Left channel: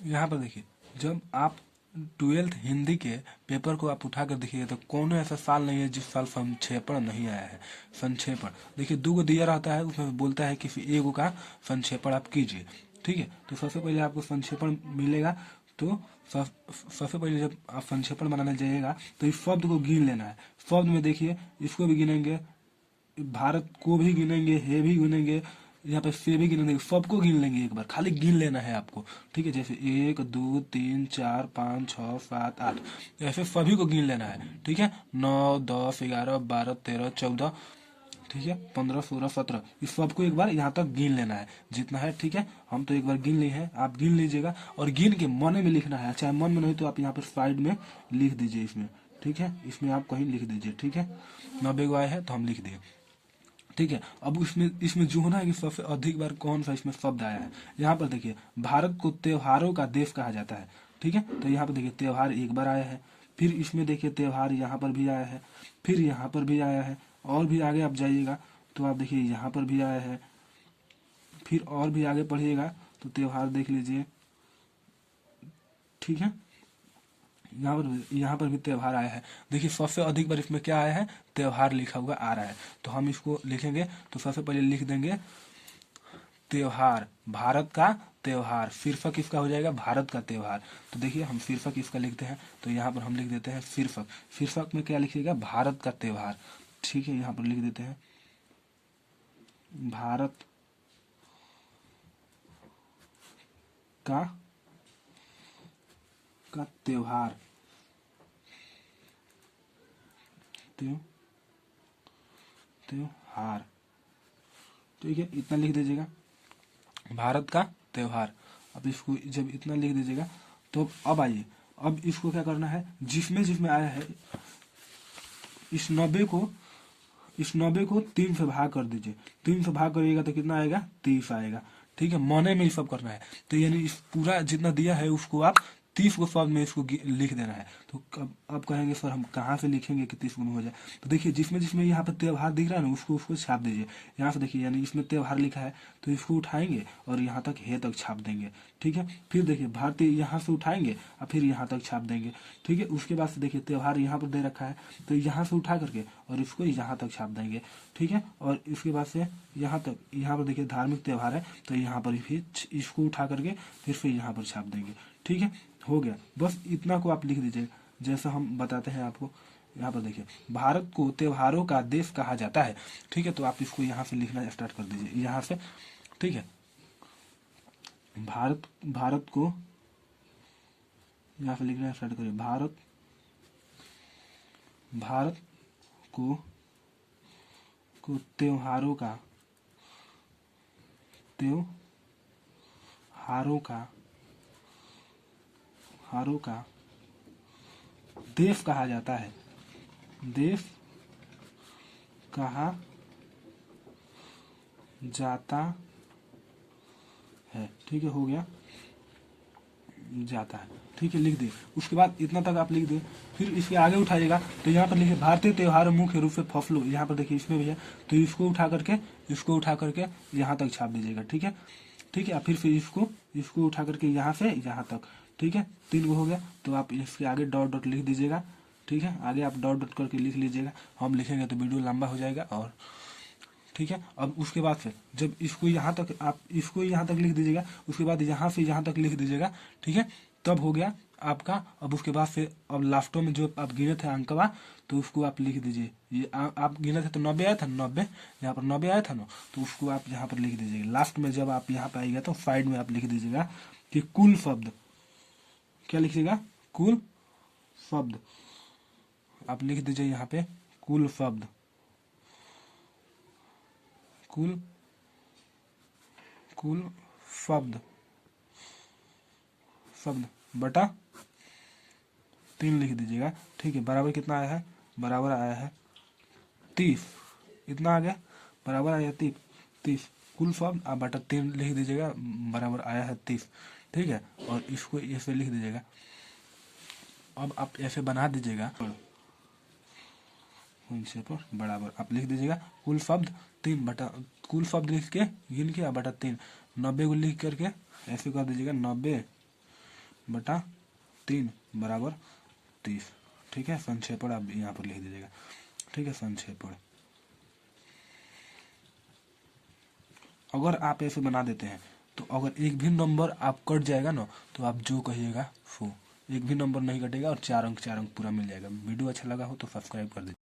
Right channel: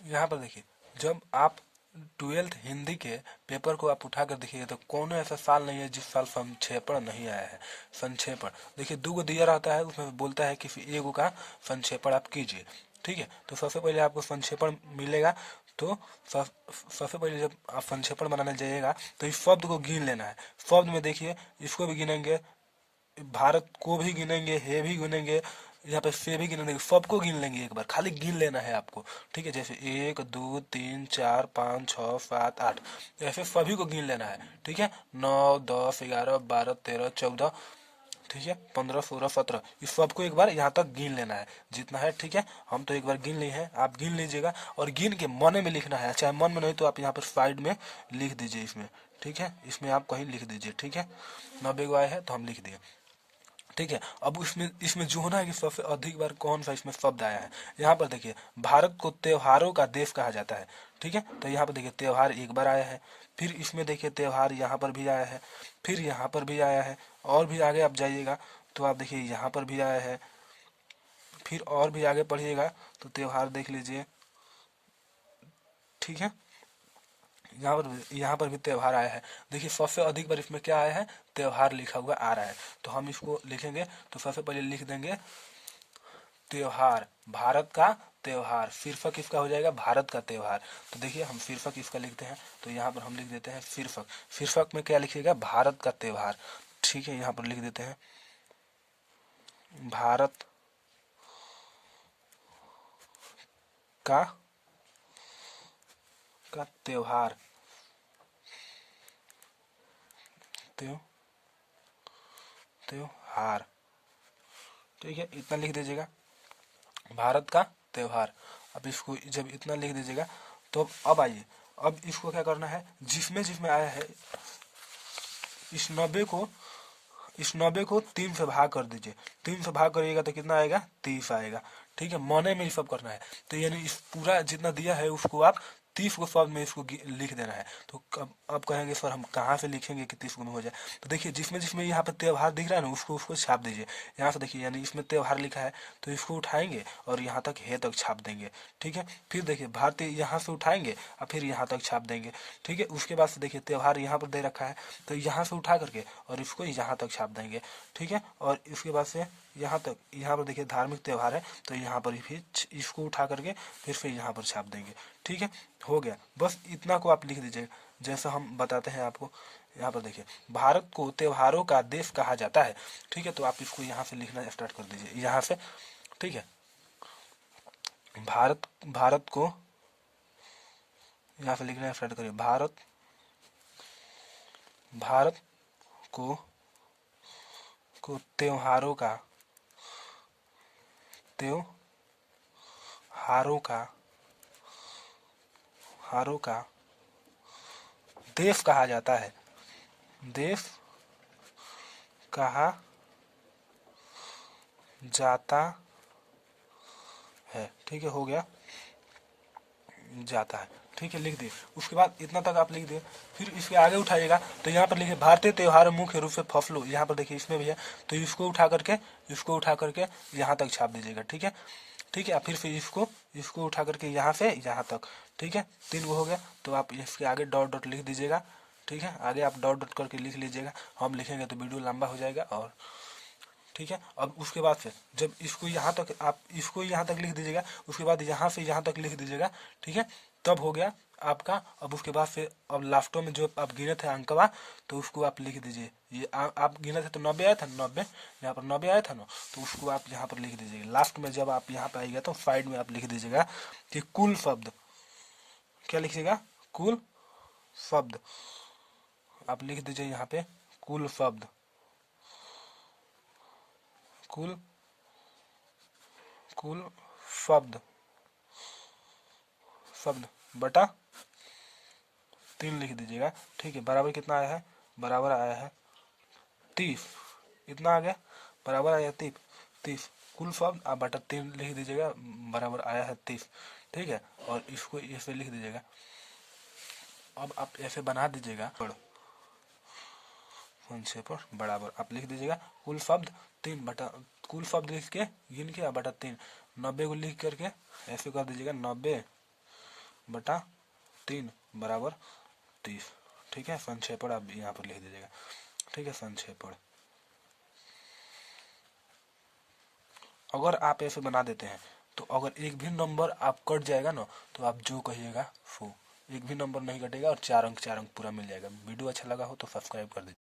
यहाँ पर देखिए, जब आप 12th हिंदी के पेपर को आप उठा कर देखिए तो कौन ऐसा साल नहीं है जिस साल संक्षेपण नहीं आया है। संक्षेपण देखिए, 2 दिया रहता है, उसमें बोलता है किसी एगो का संक्षेपण आप कीजिए। ठीक है, तो सबसे पहले आपको संक्षेपण मिलेगा। तो सबसे पहले जब आप संक्षेपण बनाने जाइएगा तो इस शब्द को गिन लेना है। शब्द में देखिए, इसको भी गिनेंगे, भारत को भी गिनेंगे, हे भी गिनेंगे, यहाँ पे से भी गिनेंगे, सबको गिन लेंगे एक बार, खाली गिन लेना है आपको। ठीक है, जैसे 1 2 3 4 5 6 7 8, ऐसे सभी को गिन लेना है। ठीक है, 9 10 11 12 13 14, ठीक है, 15 16 17, इस सबको एक बार यहाँ तक गिन लेना है जितना है। ठीक है, हम तो एक बार गिन लिए हैं, आप गिन लीजिएगा और गिन के मन में लिखना है। चाहे मन में नहीं तो आप यहाँ पर साइड में लिख दीजिए इसमें। ठीक है, इसमें आप कहीं लिख दीजिए। ठीक है, 90 गो आए हैं तो हम लिख दिए। ठीक है, अब इसमें इसमें जो होना है कि सबसे अधिक बार कौन सा इसमें शब्द आया है। यहाँ पर देखिए, भारत को त्योहारों का देश कहा जाता है। ठीक है, तो यहाँ पर देखिए त्योहार एक बार आया है, फिर इसमें देखिए त्योहार यहाँ पर भी आया है, फिर यहाँ पर भी आया है, और भी आगे आप जाइएगा तो आप देखिए यहाँ पर भी आया है, फिर और भी आगे पढ़िएगा तो त्योहार देख लीजिए। ठीक है, यहाँ पर भी त्योहार आया है। देखिए सबसे अधिक बार इसमें क्या आया है, त्योहार लिखा हुआ आ रहा है। तो हम इसको लिखेंगे तो सबसे पहले लिख देंगे त्योहार, भारत का त्योहार, शीर्षक इसका हो जाएगा भारत का त्योहार। तो देखिए हम शीर्षक इसका लिखते हैं, तो यहाँ पर हम लिख देते हैं शीर्षक। शीर्षक में क्या लिखिएगा, भारत का त्योहार। ठीक है, यहाँ पर लिख देते हैं भारत का त्योहार, त्योहार। ठीक है, इतना लिख दीजिएगा, भारत का त्योहार। अब इसको जब इतना लिख दीजिएगा तो अब आइए, अब इसको क्या करना है, जिसमें जिसमें आया है इस 90 को 3 से भाग कर दीजिए। 3 से भाग करिएगा तो कितना आएगा, 30 आएगा। ठीक है, मने में ही सब करना है। तो यानी इस पूरा जितना दिया है उसको आप 30 को शब्द में इसको लिख देना है। तो अब कहेंगे सर हम कहाँ से लिखेंगे कि 30 में हो जाए। तो देखिए जिसमें जिसमें यहाँ पे त्योहार दिख रहा है ना उसको छाप दीजिए। यहाँ से देखिए, यानी इसमें त्योहार लिखा है तो इसको उठाएंगे और यहाँ तक हे तक छाप देंगे। ठीक है, फिर देखिए भारतीय यहाँ से उठाएंगे और फिर यहाँ तक छाप देंगे। ठीक है, उसके बाद से देखिए त्योहार यहाँ पर दे रखा है तो यहाँ से उठा करके और इसको यहाँ तक छाप देंगे। ठीक है, और इसके बाद से यहाँ तक, यहाँ पर देखिए धार्मिक त्योहार है तो यहाँ पर फिर इसको उठा करके फिर से यहाँ पर छाप देंगे। ठीक है, हो गया, बस इतना को आप लिख दीजिए जैसा हम बताते हैं आपको। यहाँ पर देखिए, भारत को त्योहारों का देश कहा जाता है। ठीक है, तो आप इसको यहाँ से लिखना स्टार्ट कर दीजिए, यहाँ से। ठीक है, भारत को यहाँ से लिखना स्टार्ट करिए, भारत को त्योहारों का देश कहा जाता है, देश कहा जाता है। ठीक है, हो गया, जाता है। ठीक है, लिख दिए। उसके बाद इतना तक आप लिख दिए, फिर इसके आगे उठाइएगा तो यहाँ पर लिखिए भारतीय त्योहार मुख्य रूप से फसलों, यहाँ पर देखिए इसमें भी है तो इसको उठा करके यहाँ तक छाप दीजिएगा। ठीक है, ठीक है, फिर से इसको उठा करके यहाँ से यहाँ तक। ठीक है, 3 गो हो गया, तो आप इसके आगे डॉट डॉट लिख दीजिएगा। ठीक है, आगे आप डॉट डॉट करके लिख लीजिएगा, हम लिखेंगे तो वीडियो लंबा हो जाएगा। और ठीक है, अब उसके बाद से जब इसको यहाँ तक आप इसको यहाँ तक लिख दीजिएगा, उसके बाद यहाँ से यहाँ तक लिख दीजिएगा। ठीक है, तब हो गया आपका। अब उसके बाद से अब लास्टों में जो आप गिने थे अंकवा तो उसको आप लिख दीजिए। ये आप गिने थे तो 90 आया था, 90 यहाँ पर 90 आया था ना, तो उसको आप यहाँ पर लिख दीजिएगा। लास्ट में जब आप यहाँ पर आएगा तो साइड में आप लिख दीजिएगा कि कुल शब्द, क्या लिखिएगा, कुल शब्द आप लिख दीजिए यहाँ पे, कुल शब्द, कुल शब्द बटा 3 लिख दीजिएगा। ठीक है, बराबर कितना आया है, बराबर आया है 30, इतना आ गया, बराबर आया 30। कुल शब्द आप बटा 3 लिख दीजिएगा, बराबर आया है 30। ठीक है, और इसको ऐसे लिख दीजिएगा। अब आप ऐसे बना दीजिएगा, पर बराबर आप लिख दीजिएगा कुल शब्द 3 बटा, कुल शब्द लिख के गिन के बटा 3, 90 को लिख करके ऐसे कर दीजिएगा 90 बटा 3 बराबर 30। ठीक है, संक्षेपण आप यहाँ पर लिख दीजिएगा। ठीक है, संक्षेपण अगर आप ऐसे बना देते हैं तो अगर एक भी नंबर आप कट जाएगा ना तो आप जो कहिएगा वो, एक भी नंबर नहीं कटेगा और 4 अंक पूरा मिल जाएगा। वीडियो अच्छा लगा हो तो सब्सक्राइब कर दीजिए।